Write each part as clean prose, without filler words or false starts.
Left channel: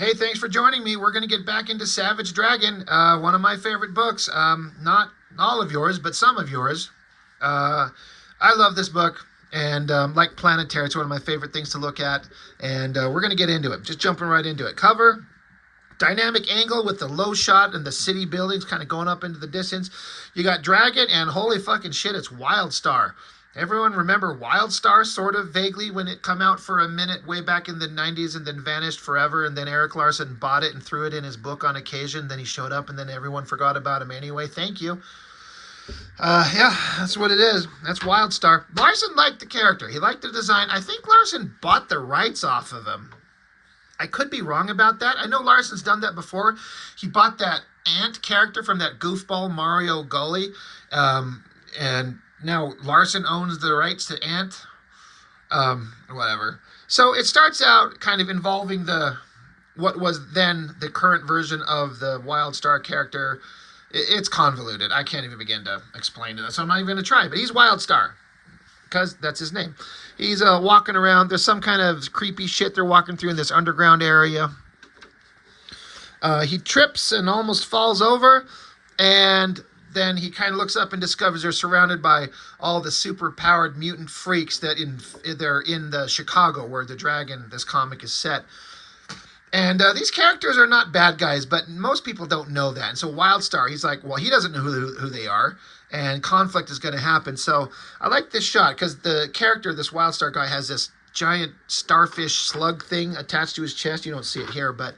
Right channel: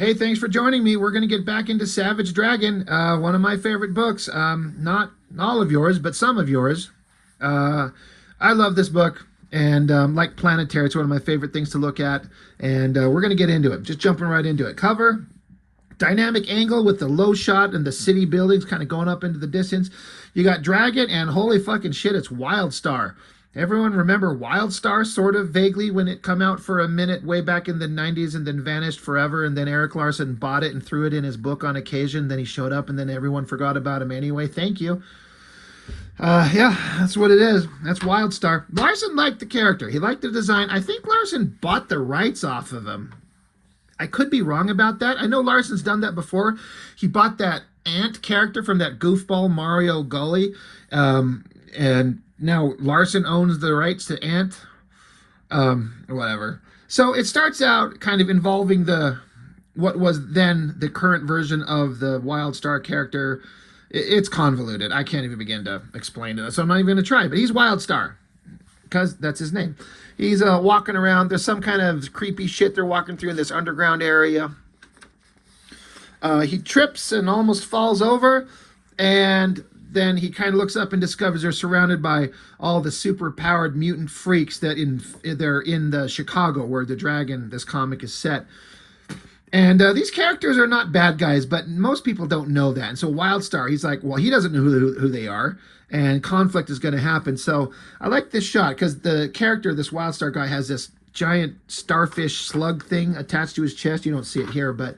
Hey, thanks for joining me. We're going to get back into Savage Dragon, one of my favorite books. Not all of yours, but some of yours. Uh, I love this book, and like Planetary, it's one of my favorite things to look at. And we're going to get into it. Just jumping right into it. Cover, dynamic angle with the low shot and the city buildings kind of going up into the distance. You got Dragon, and holy fucking shit, it's Wildstar. Everyone remember Wildstar sort of vaguely when it come out for a minute way back in the 90s and then vanished forever, and then Eric Larson bought it and threw it in his book on occasion. Then he showed up and then everyone forgot about him anyway. Thank you. Yeah, that's what it is. That's Wildstar. Larson liked the character. He liked the design. I think Larson bought the rights off of him. I could be wrong about that. I know Larson's done that before. He bought that ant character from that goofball Mario Gully, and now Larson owns the rights to Ant, or whatever. So it starts out kind of involving what was then the current version of the Wildstar character. It's convoluted. I can't even begin to explain it, so I'm not even going to try. But he's Wildstar because that's his name. He's walking around. There's some kind of creepy shit they're walking through in this underground area. He trips and almost falls over, and then he kind of looks up and discovers they're surrounded by all the super-powered mutant freaks that they're in the Chicago where the Dragon, this comic, is set. And these characters are not bad guys, but most people don't know that. And so Wildstar, he's like, well, he doesn't know who they are, and conflict is going to happen. So I like this shot because the character, this Wildstar guy, has this giant starfish slug thing attached to his chest. You don't see it here, but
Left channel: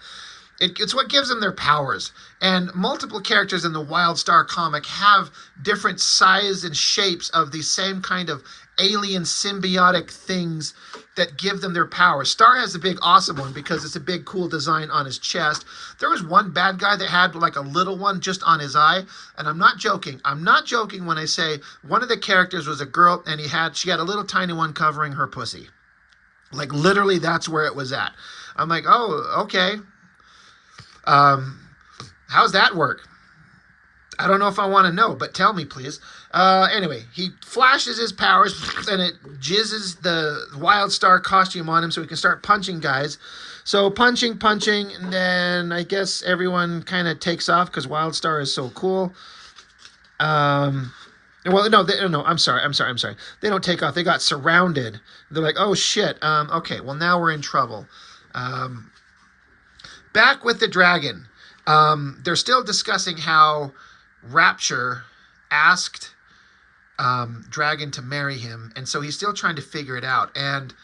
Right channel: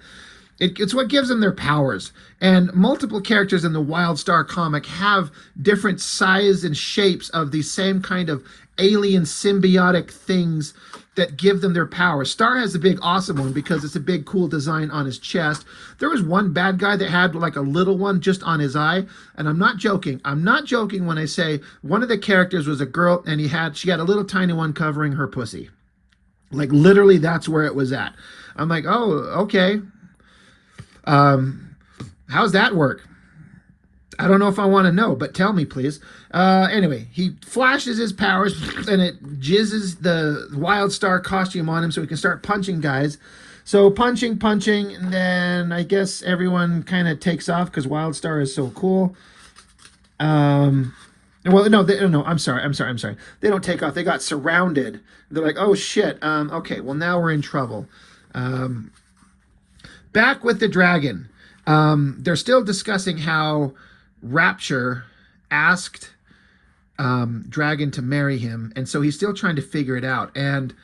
it's what gives them their powers. And multiple characters in the Wildstar comic have different size and shapes of the same kind of alien symbiotic things that give them their power. Star has the big awesome one because it's a big cool design on his chest. There was one bad guy that had like a little one just on his eye, and I'm not joking. I'm not joking when I say one of the characters was a girl and she had a little tiny one covering her pussy. Like literally that's where it was at. I'm like, oh, okay. How's that work? I don't know if I want to know, but tell me, please. Anyway, he flashes his powers, and it jizzes the Wildstar costume on him so he can start punching guys. So punching, and then I guess everyone kind of takes off because Wildstar is so cool. Well, no, I'm sorry. They don't take off. They got surrounded. They're like, oh, shit. Okay, well, now we're in trouble. Back with the Dragon. They're still discussing how Rapture asked Dragon to marry him, and so he's still trying to figure it out. And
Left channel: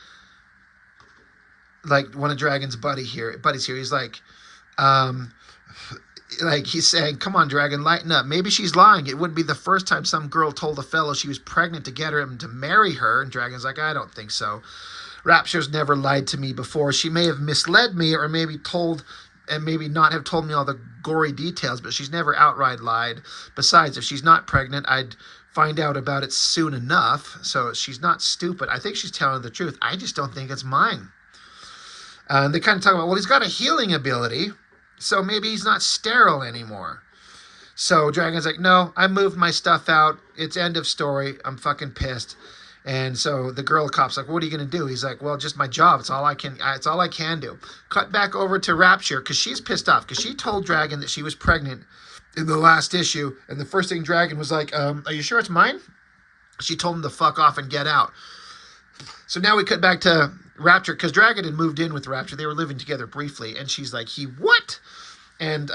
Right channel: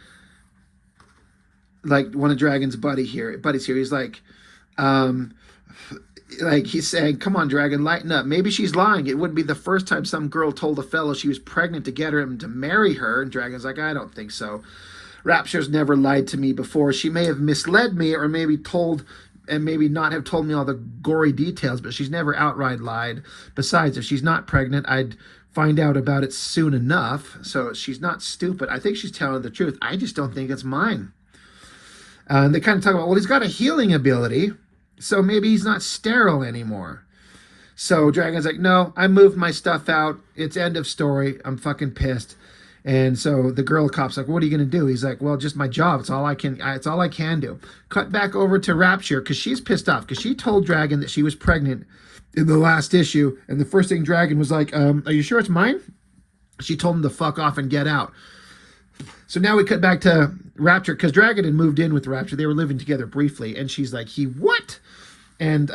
like one of Dragon's buddies here, he's like he's saying, "Come on, Dragon, lighten up. Maybe she's lying. It wouldn't be the first time some girl told a fellow she was pregnant to get him to marry her." And Dragon's like, "I don't think so. Rapture's never lied to me before. She may have misled me, or maybe not have told me all the gory details, but she's never outright lied. Besides, if she's not pregnant, I'd find out about it soon enough. So she's not stupid. I think she's telling the truth. I just don't think it's mine." And they kind of talk about, well, he's got a healing ability, so maybe he's not sterile anymore. So Dragon's like, no, I moved my stuff out. It's end of story. I'm fucking pissed. And so the girl cop's like, what are you going to do? He's like, well, just my job. It's all I can do. Cut back over to Rapture because she's pissed off because she told Dragon that she was pregnant in the last issue. And the first thing Dragon was like, are you sure it's mine? She told him to fuck off and get out. So now we cut back to Rapture because Dragon had moved in with Rapture. They were living together briefly. And she's like, he what? And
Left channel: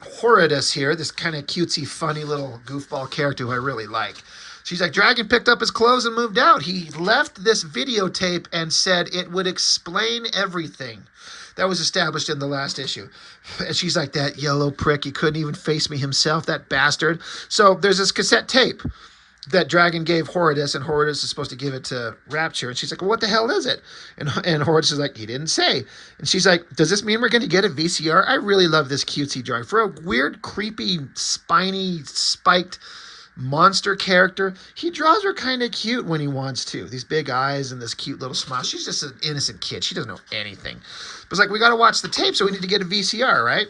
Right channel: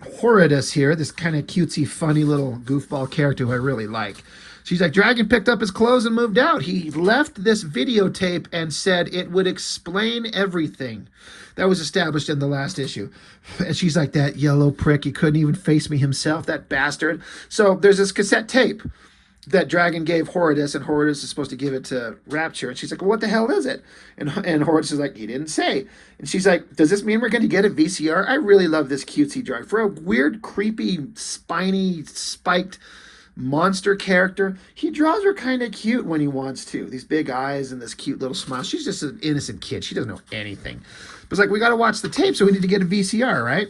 Horridus here, this kind of cutesy, funny little goofball character who I really like. She's like, Dragon picked up his clothes and moved out. He left this videotape and said it would explain everything. That was established in the last issue. And she's like, that yellow prick, he couldn't even face me himself, that bastard. So there's this cassette tape that Dragon gave Horridus, and Horridus is supposed to give it to Rapture. And she's like, well, what the hell is it? And Horridus is like, he didn't say. And she's like, does this mean we're going to get a VCR? I really love this cutesy drawing. For a weird, creepy, spiny, spiked monster character, he draws her kind of cute when he wants to. These big eyes and this cute little smile. She's just an innocent kid. She doesn't know anything. But it's like, we got to watch the tape, so we need to get a VCR, right?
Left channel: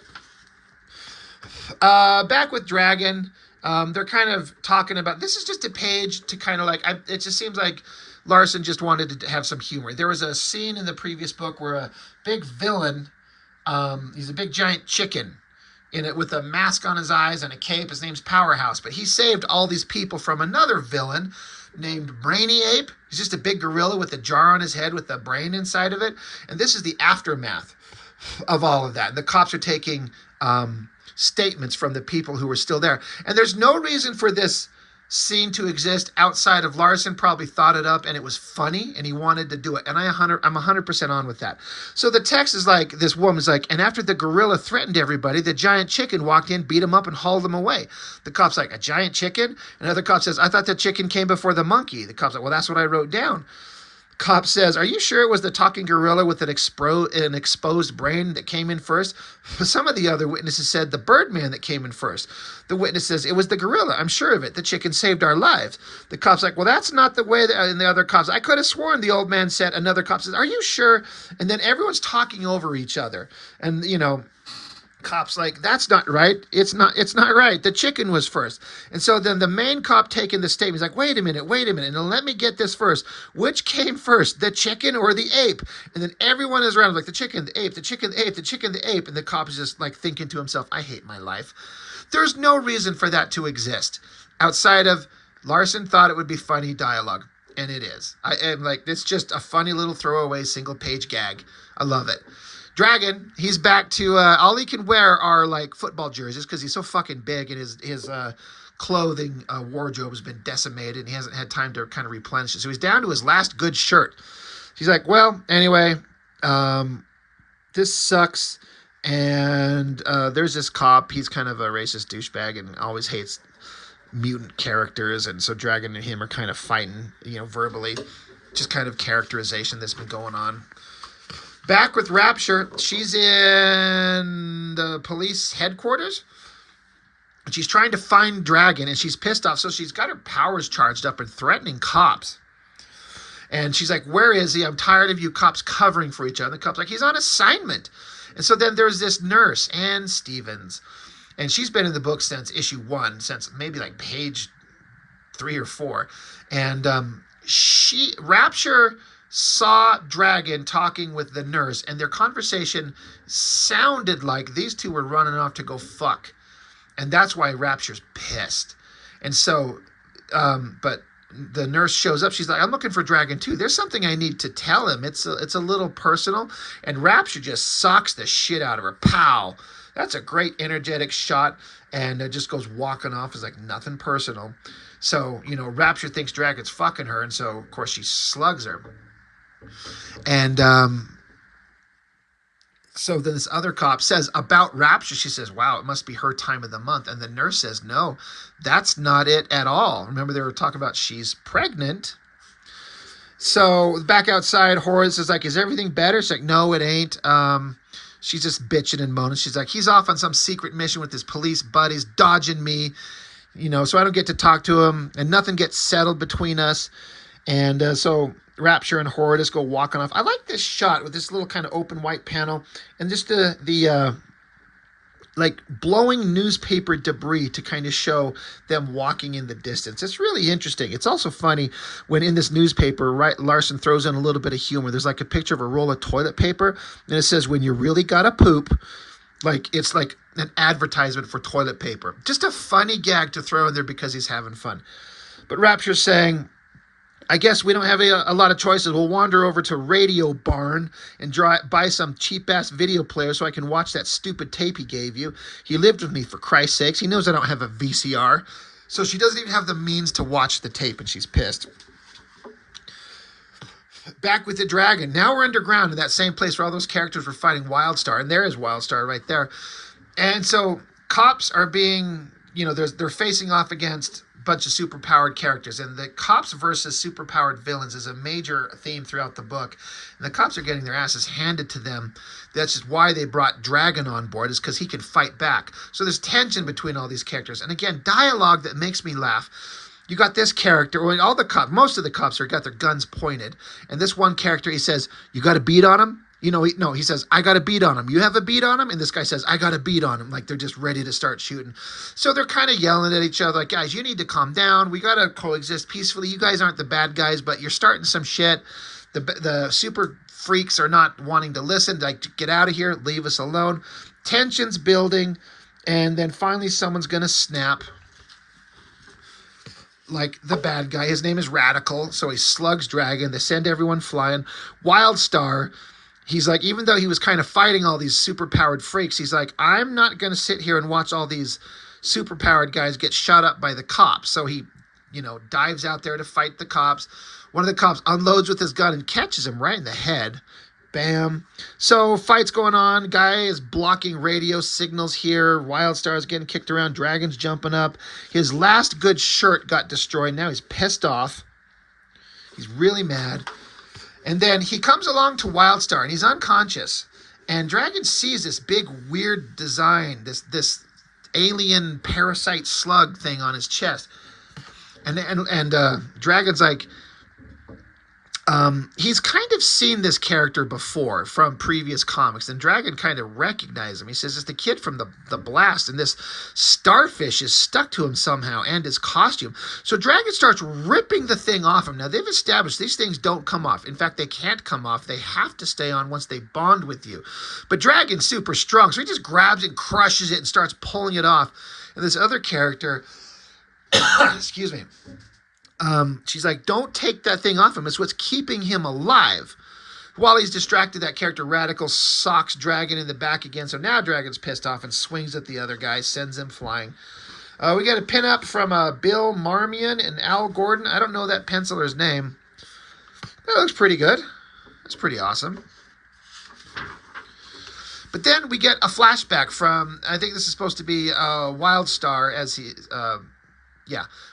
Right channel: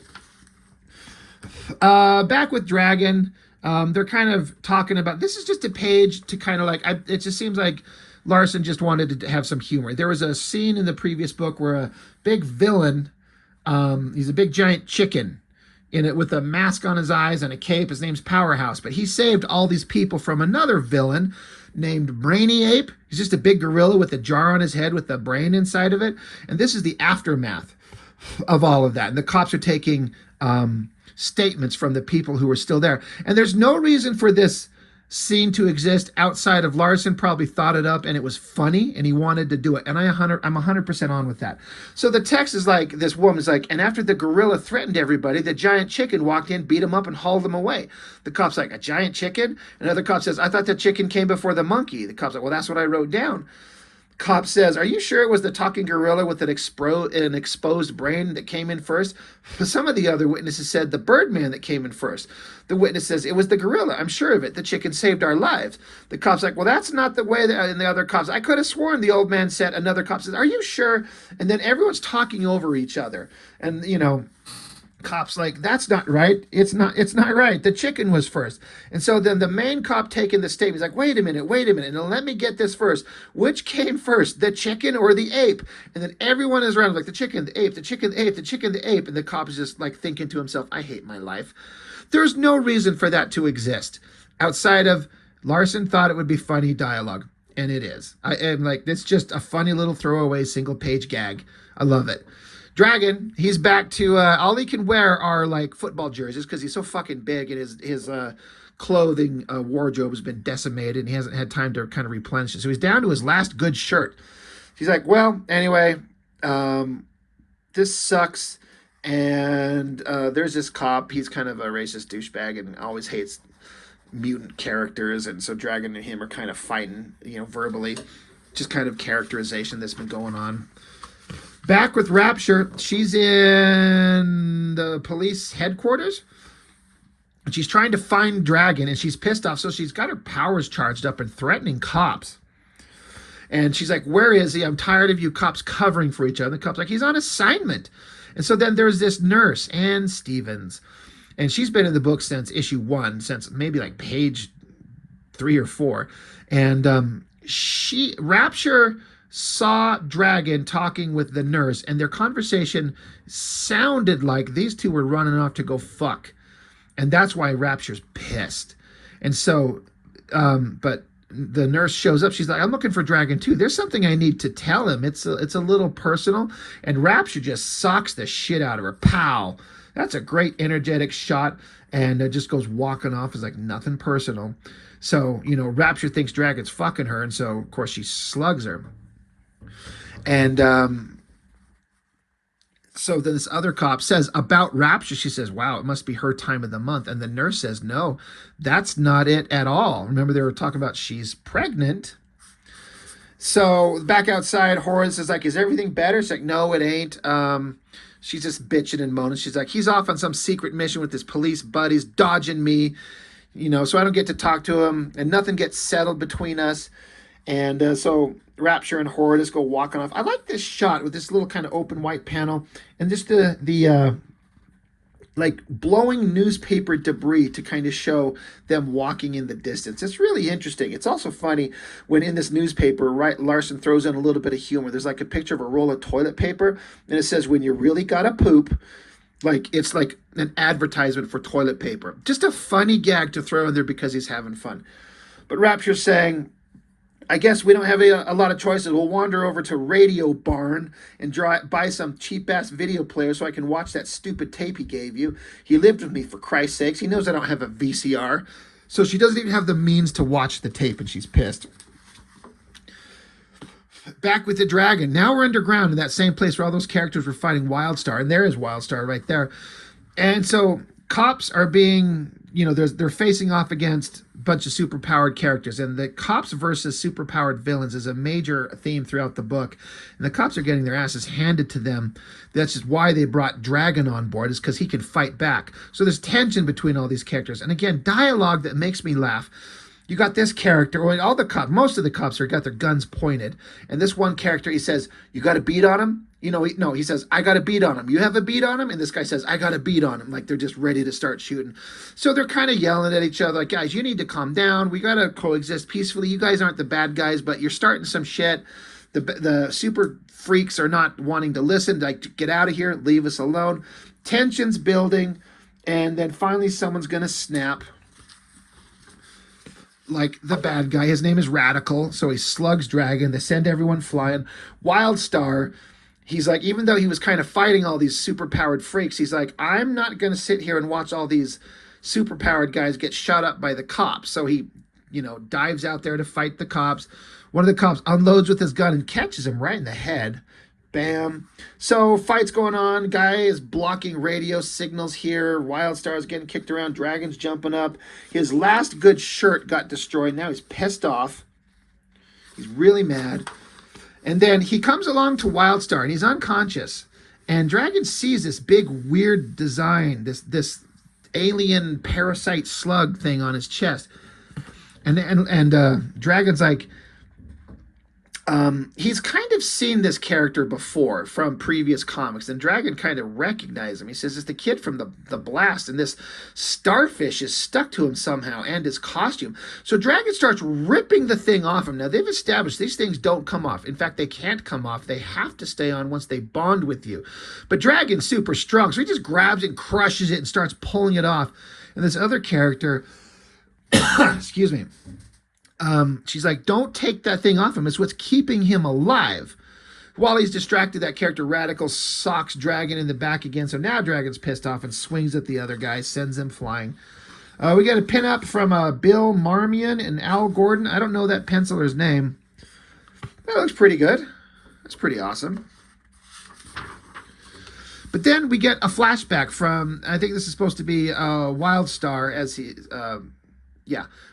Back with Dragon. They're kind of talking about, this is just a page to kind of like, it just seems like Larson just wanted to have some humor. There was a scene in the previous book where a big villain He's a big giant chicken in it with a mask on his eyes and a cape. His name's Powerhouse, but he saved all these people from another villain named Brainy Ape. He's just a big gorilla with a jar on his head with a brain inside of it. And this is the aftermath of all of that. And the cops are taking statements from the people who were still there. And there's no reason for this scene to exist outside of Larson probably thought it up and it was funny and he wanted to do it. And I'm 100% on with that. So the text is like, this woman's like, and after the gorilla threatened everybody, the giant chicken walked in, beat him up and hauled him away. The cop's like, a giant chicken? Another cop says, I thought the chicken came before the monkey. The cop's like, well, that's what I wrote down. Cop says, are you sure it was the talking gorilla with an exposed brain that came in first? Some of the other witnesses said the Birdman that came in first. The witness says, it was the gorilla. I'm sure of it. The chicken saved our lives. The cop's like, well, that's not the way. And the other cops, I could have sworn the old man said. Another cop says, are you sure? And then everyone's talking over each other. And, you know, cop's like, that's not right. It's not right. The chicken was first. And so then the main cop taking the statement is like, wait a minute. And let me get this first. Which came first, the chicken or the ape? And then everyone is around like the chicken, the ape, the chicken, the ape, the chicken, the ape. And the cop is just like thinking to himself, I hate my life. There's no reason for that to exist outside of Larson thought it would be funny dialogue. And it is. I am like, it's just a funny little throwaway single page gag. I love it. Dragon, he's back to, all he can wear are like football jerseys because he's so fucking big and his clothing wardrobe has been decimated and he hasn't had time to kind of replenish it. So he's down to his last good shirt. He's like, well, anyway, this sucks. And there's this cop. He's kind of a racist douchebag and always hates mutant characters. And so Dragon and him are kind of fighting, you know, verbally. Just kind of characterization that's been going on. Back with Rapture, she's in the police headquarters. And she's trying to find Dragon, and she's pissed off. So she's got her powers charged up and threatening cops. And she's like, where is he? I'm tired of you cops covering for each other. The cop's like, he's on assignment. And so then there's this nurse, Ann Stevens. And she's been in the book since issue 1, since maybe like page 3 or 4. And Rapture saw Dragon talking with the nurse, and their conversation sounded like these two were running off to go fuck. And that's why Rapture's pissed. And so, but the nurse shows up. She's like, I'm looking for Dragon too. There's something I need to tell him. It's a little personal. And Rapture just socks the shit out of her. Pow! That's a great energetic shot. And it just goes walking off. It's like nothing personal. So, you know, Rapture thinks Dragon's fucking her. And so, of course, she slugs her. And so then this other cop says about Rapture, she says, wow, it must be her time of the month. And the nurse says, no, that's not it at all. Remember, they were talking about she's pregnant. So back outside, Horace is like, is everything better? She's like, no, it ain't. She's just bitching and moaning. She's like, he's off on some secret mission with his police buddies, dodging me, you know, so I don't get to talk to him, and nothing gets settled between us. And so Rapture and Horridus go walking off. I like this shot with this little kind of open white panel and just the like blowing newspaper debris to kind of show them walking in the distance. It's really interesting. It's also funny when in this newspaper, right, Larson throws in a little bit of humor. There's like a picture of a roll of toilet paper, and it says, when you really gotta poop, like it's like an advertisement for toilet paper. Just a funny gag to throw in there because he's having fun. But Rapture's saying, I guess we don't have a lot of choices. We'll wander over to Radio Barn and buy some cheap-ass video player so I can watch that stupid tape he gave you. He lived with me, for Christ's sakes. He knows I don't have a VCR. So she doesn't even have the means to watch the tape, and she's pissed. Back with the Dragon. Now we're underground in that same place where all those characters were fighting Wildstar. And there is Wildstar right there. And so cops are being, you know, they're facing off against bunch of superpowered characters, and the cops versus superpowered villains is a major theme throughout the book, and the cops are getting their asses handed to them. That's just why they brought Dragon on board, is because he can fight back. So there's tension between all these characters, and again, dialogue that makes me laugh. You got this character, or all the cops, most of the cops are got their guns pointed, and this one character, he says, you got a beat on him? You know, he says, I got a beat on him. You have a beat on him? And this guy says, I got a beat on him. Like they're just ready to start shooting. So they're kind of yelling at each other like, guys, you need to calm down. We got to coexist peacefully. You guys aren't the bad guys, but you're starting some shit. The super freaks are not wanting to listen, like, get out of here, leave us alone. Tension's building, and then finally someone's gonna snap. Like the bad guy, his name is Radical, so he slugs Dragon. They send everyone flying. Wildstar, he's like, even though he was kind of fighting all these super-powered freaks, he's like, I'm not going to sit here and watch all these super-powered guys get shot up by the cops. So he, you know, dives out there to fight the cops. One of the cops unloads with his gun and catches him right in the head. Bam. So fight's going on. Guy is blocking radio signals here. Wildstar is getting kicked around. Dragon's jumping up. His last good shirt got destroyed. Now he's pissed off. He's really mad. And then he comes along to Wildstar, and he's unconscious. And Dragon sees this big, weird design, this alien parasite slug thing on his chest. And Dragon's like, he's kind of seen this character before from previous comics, and Dragon kind of recognized him. He says it's the kid from the Blast, and this starfish is stuck to him somehow, and his costume. So Dragon starts ripping the thing off him. Now, they've established these things don't come off. In fact, they can't come off. They have to stay on once they bond with you. But Dragon's super strong, so he just grabs it, crushes it, and starts pulling it off. And this other character, excuse me, she's like, don't take that thing off him. It's what's keeping him alive. While he's distracted, that character Radical socks Dragon in the back again. So now Dragon's pissed off and swings at the other guy, sends him flying. We got a pin-up from Bill Marmion and Al Gordon. I don't know that penciler's name. That looks pretty good. That's pretty awesome. But then we get a flashback from, I think this is supposed to be Wildstar as he...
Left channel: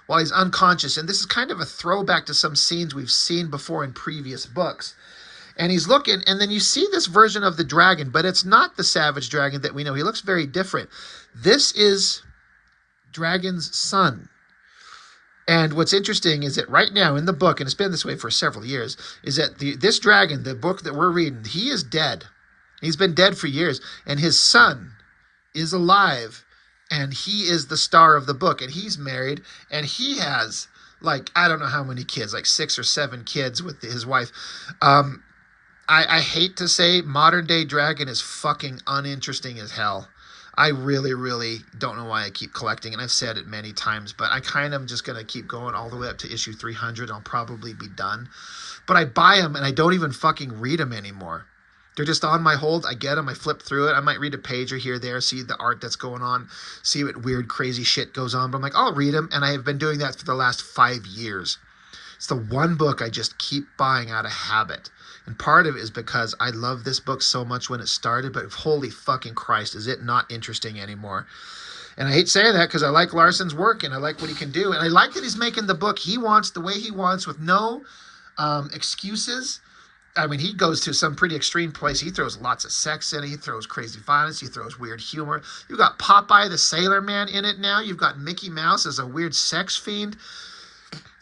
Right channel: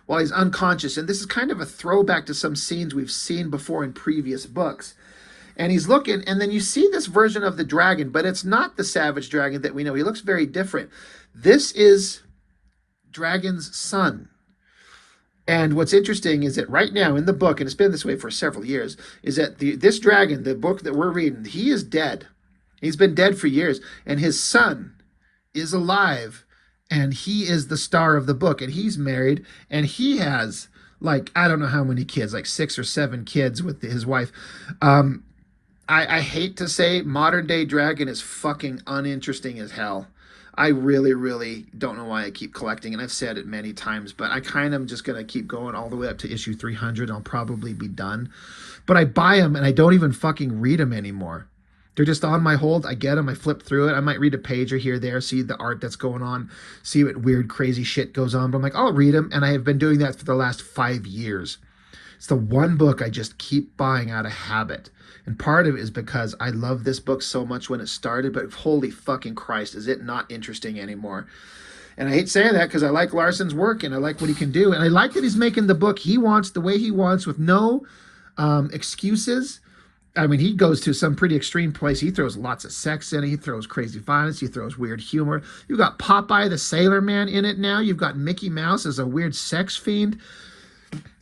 while he's unconscious. And this is kind of a throwback to some scenes we've seen before in previous books. And he's looking, and then you see this version of the dragon, but it's not the Savage Dragon that we know. He looks very different. This is Dragon's son. And what's interesting is that right now in the book, and it's been this way for several years, is that this dragon, the book that we're reading, he is dead. He's been dead for years. And his son is alive. And he is the star of the book, and he's married, and he has, like, I don't know how many kids, like 6 or 7 kids with his wife. I hate to say modern-day Dragon is fucking uninteresting as hell. I really, really don't know why I keep collecting, and I've said it many times, but I kind of am just going to keep going all the way up to issue 300. I'll probably be done. But I buy them, and I don't even fucking read them anymore. They're just on my hold. I get them. I flip through it. I might read a page or here or there, see the art that's going on, see what weird, crazy shit goes on. But I'm like, I'll read them. And I have been doing that for the last 5 years. It's the one book I just keep buying out of habit. And part of it is because I love this book so much when it started, but holy fucking Christ, is it not interesting anymore? And I hate saying that because I like Larson's work and I like what he can do. And I like that he's making the book he wants, the way he wants, with no excuses. I mean, he goes to some pretty extreme place. He throws lots of sex in it. He throws crazy violence. He throws weird humor. You've got Popeye the Sailor Man in it now. You've got Mickey Mouse as a weird sex fiend.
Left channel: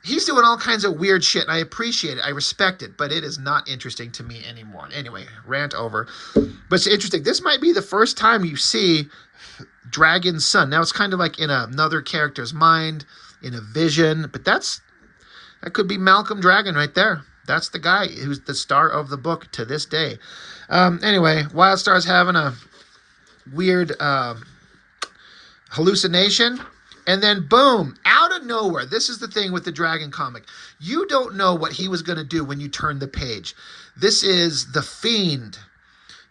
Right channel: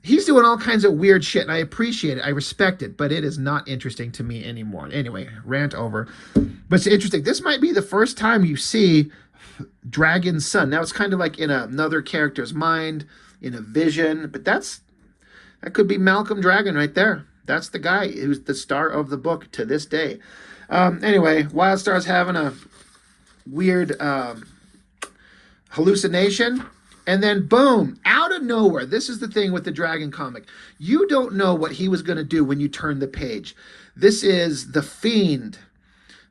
He's doing all kinds of weird shit, and I appreciate it. I respect it, but it is not interesting to me anymore. Anyway, rant over. But it's interesting. This might be the first time you see Dragon's son. Now, it's kind of like in another character's mind, in a vision, but that could be Malcolm Dragon right there. That's the guy who's the star of the book to this day. Anyway, Wildstar's having a weird hallucination. And then, boom, out of nowhere. This is the thing with the Dragon comic. You don't know what he was going to do when you turn the page. This is the Fiend,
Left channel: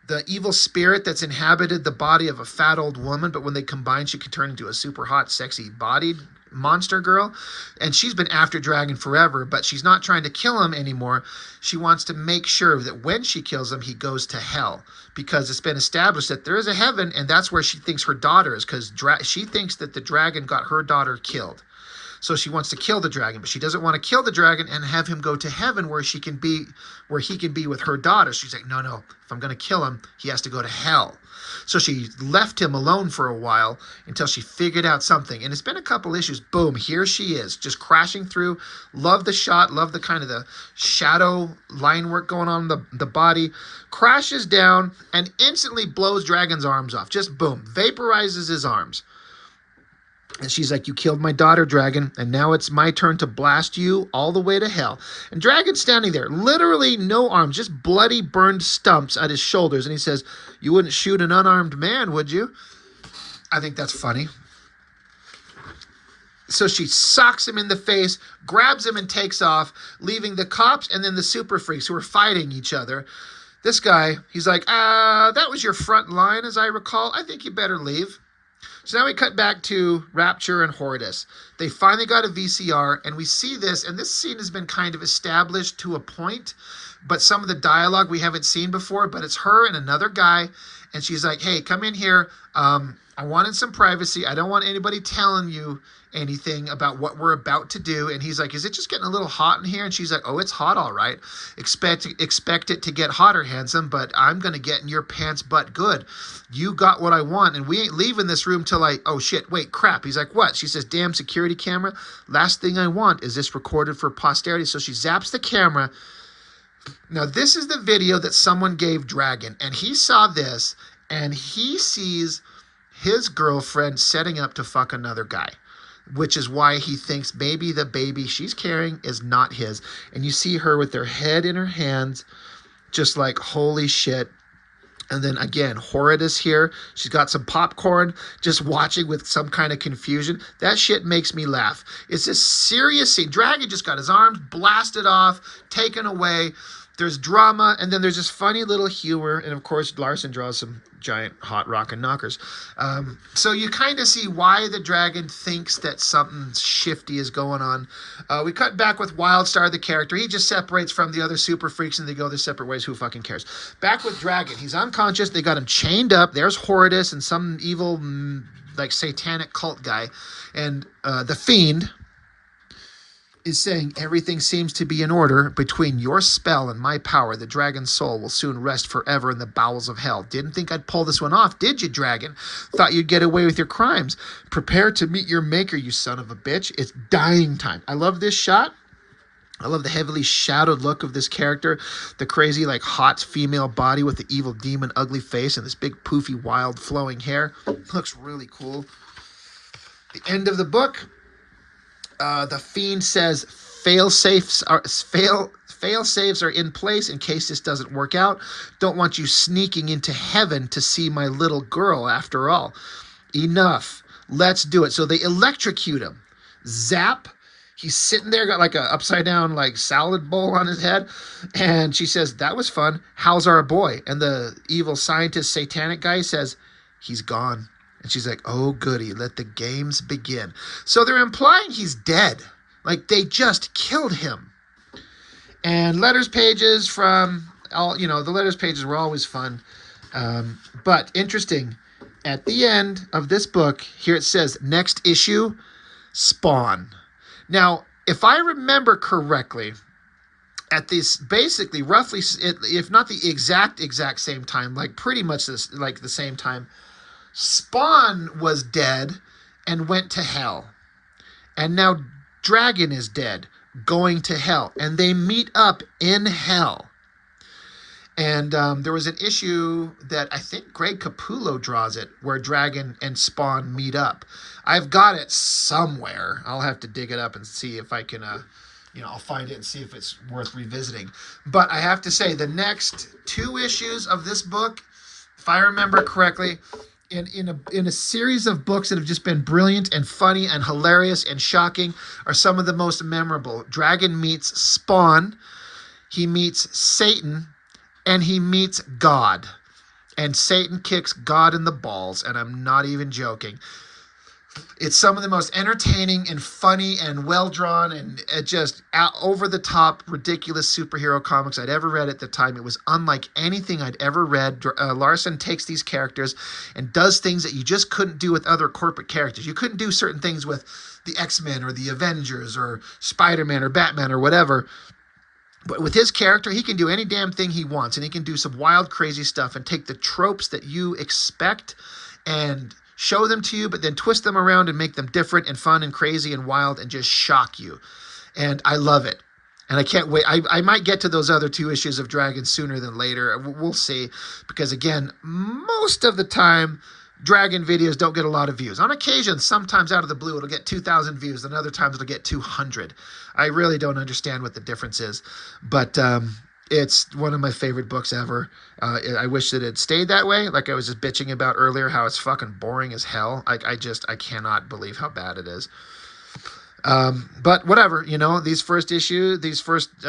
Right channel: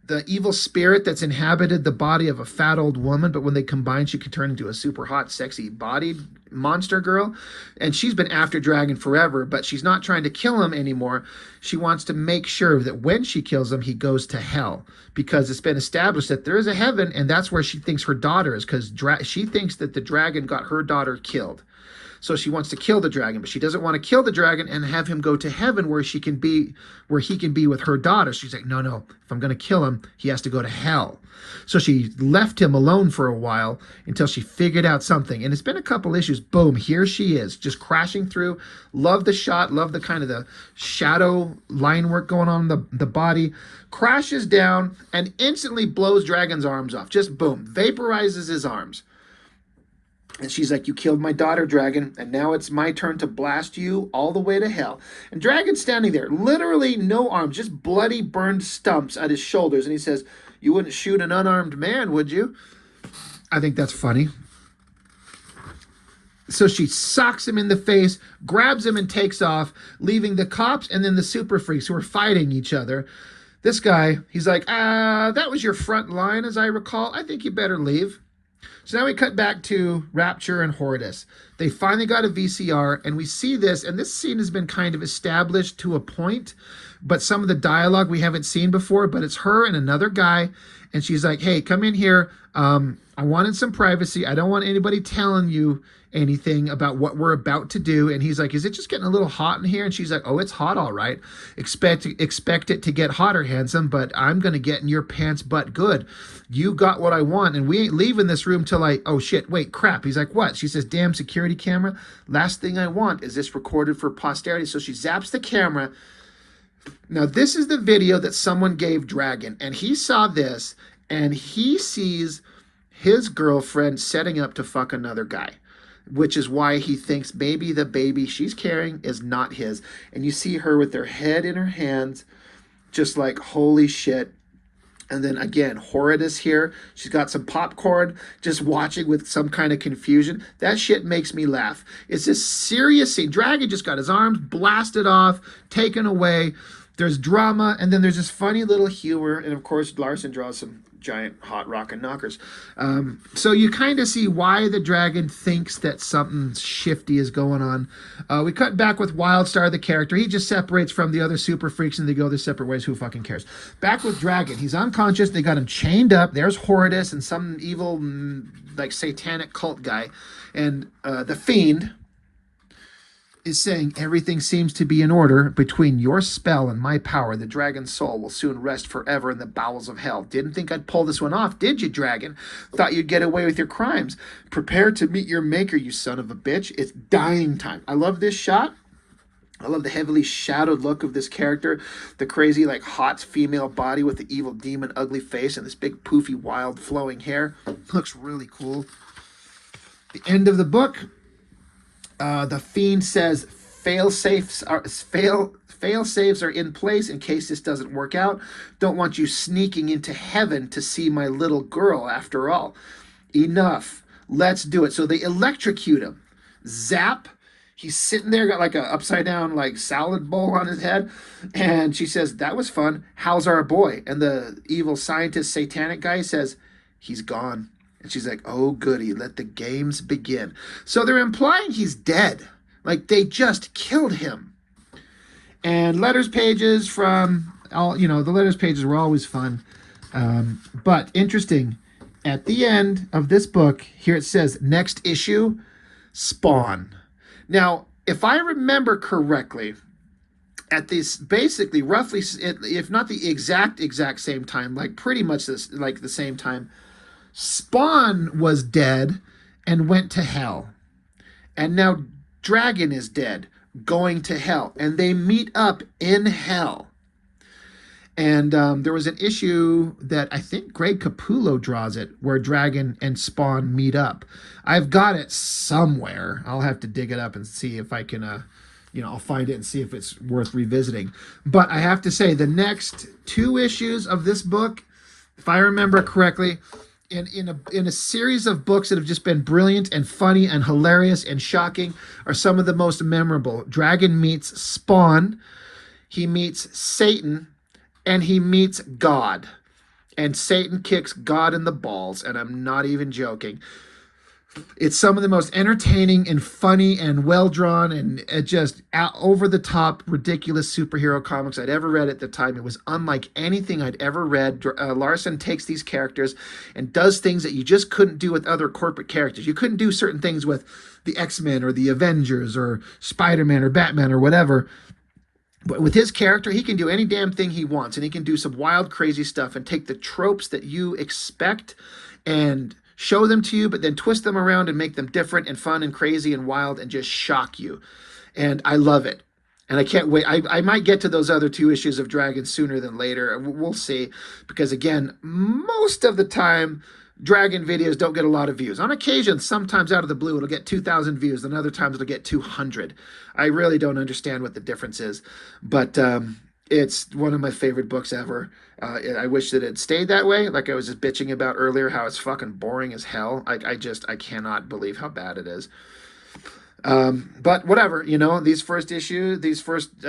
the evil spirit that's inhabited the body of a fat old woman, but when they combine, she can turn into a super hot, sexy bodied monster girl. And she's been after Dragon forever, but she's not trying to kill him anymore. She wants to make sure that when she kills him, he goes to hell, because it's been established that there is a heaven, and that's where she thinks her daughter is, because she thinks that the dragon got her daughter killed. So she wants to kill the dragon, but she doesn't want to kill the dragon and have him go to heaven where he can be with her daughter. She's like, no, if I'm going to kill him, he has to go to hell. So she left him alone for a while until she figured out something. And it's been a couple issues. Boom, here she is, just crashing through. Love the shot, love the kind of the shadow line work going on the body. Crashes down and instantly blows Dragon's arms off. Just boom, vaporizes his arms. And she's like, you killed my daughter, Dragon, and now it's my turn to blast you all the way to hell. And Dragon's standing there, literally no arms, just bloody burned stumps at his shoulders. And he says, you wouldn't shoot an unarmed man, would you? I think that's funny. So she socks him in the face, grabs him and takes off, leaving the cops and then the super freaks who are fighting each other. This guy, he's like, that was your front line, as I recall. I think you better leave. So now we cut back to Rapture and Horridus. They finally got a VCR, and we see this, and this scene has been kind of established to a point, but some of the dialogue we haven't seen before, but it's her and another guy, and she's like, hey, come in here. I wanted some privacy. I don't want anybody telling you anything about what we're about to do. And he's like, is it just getting a little hot in here? And she's like, oh, it's hot, all right. Expect it to get hotter, handsome, but I'm going to get in your pants butt good. You got what I want, and we ain't leaving this room till oh, shit, wait, crap. He's like, what? She says, damn security camera. Last thing I want is this recorded for posterity. So she zaps the camera. Now, this is the video that someone gave Dragon, and he saw this, and he sees his girlfriend setting up to fuck another guy, which is why he thinks maybe the baby she's carrying is not his. And you see her with her head in her hands, just like, holy shit. And then again, Horridus here. She's got some popcorn, just watching with some kind of confusion. That shit makes me laugh. It's a serious scene. Dragon just got his arms blasted off, taken away. There's drama, and then there's this funny little humor. And of course, Larson draws some giant hot rockin' knockers. So you kind of see why the Dragon thinks that something shifty is going on. We cut back with Wildstar, the character. He just separates from the other super freaks and they go their separate ways. Who fucking cares? Back with Dragon. He's unconscious. They got him chained up. There's Horridus and some evil, like, satanic cult guy. And the Fiend is saying everything seems to be in order. Between your spell and my power, the dragon's soul will soon rest forever in the bowels of hell. Didn't think I'd pull this one off, did you, Dragon? Thought you'd get away with your crimes. Prepare to meet your maker, you son of a bitch. It's dying time. I love this shot. I love the heavily shadowed look of this character. The crazy, like, hot female body with the evil demon ugly face and this big poofy wild flowing hair. Looks really cool. The end of the book. The Fiend says fail safes are in place in case this doesn't work out. Don't want you sneaking into heaven to see my little girl after all. Enough. Let's do it. So they electrocute him. Zap. He's sitting there, got like a upside down like salad bowl on his head. And she says, that was fun. How's our boy? And the evil scientist Satanic guy says, he's gone. And she's like, oh, goody, let the games begin. So they're implying he's dead. Like, they just killed him. And letters pages from, all, the letters pages were always fun. But interesting, at the end of this book, here it says, next issue, Spawn. Now, if I remember correctly, at this basically roughly, if not the exact same time, like pretty much this, like the same time, Spawn was dead and went to hell. And now Dragon is dead, going to hell. And they meet up in hell. And there was an issue that I think Greg Capullo draws it, where Dragon and Spawn meet up. I've got it somewhere. I'll have to dig it up and see if I can, I'll find it and see if it's worth revisiting. But I have to say, the next 2 issues of this book, if I remember correctly, in a series of books that have just been brilliant and funny and hilarious and shocking, are some of the most memorable. Dragon meets Spawn, he meets Satan, and he meets God. And Satan kicks God in the balls, and I'm not even joking. It's some of the most entertaining and funny and well-drawn and just over-the-top, ridiculous superhero comics I'd ever read at the time. It was unlike anything I'd ever read. Larson takes these characters and does things that you just couldn't do with other corporate characters. You couldn't do certain things with the X-Men or the Avengers or Spider-Man or Batman or whatever. But with his character, he can do any damn thing he wants, and he can do some wild, crazy stuff and take the tropes that you expect and show them to you, but then twist them around and make them different and fun and crazy and wild and just shock you. And I love it. And I can't wait. I might get to those other 2 issues of Dragon sooner than later. We'll see. Because again, most of the time, Dragon videos don't get a lot of views. On occasion, sometimes out of the blue, it'll get 2,000 views, and other times it'll get 200. I really don't understand what the difference is, but it's one of my favorite books ever. I wish that it stayed that way. Like I was just bitching about earlier, how it's fucking boring as hell. Like I cannot believe how bad it is. But whatever, you know, these first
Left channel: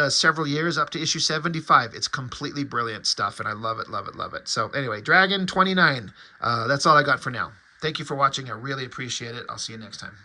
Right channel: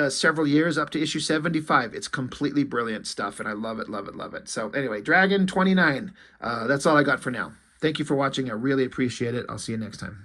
several years up to issue 75, it's completely brilliant stuff, and I love it, love it, love it. So anyway, Dragon 29, that's all I got for now. Thank you for watching. I really appreciate it. I'll see you next time.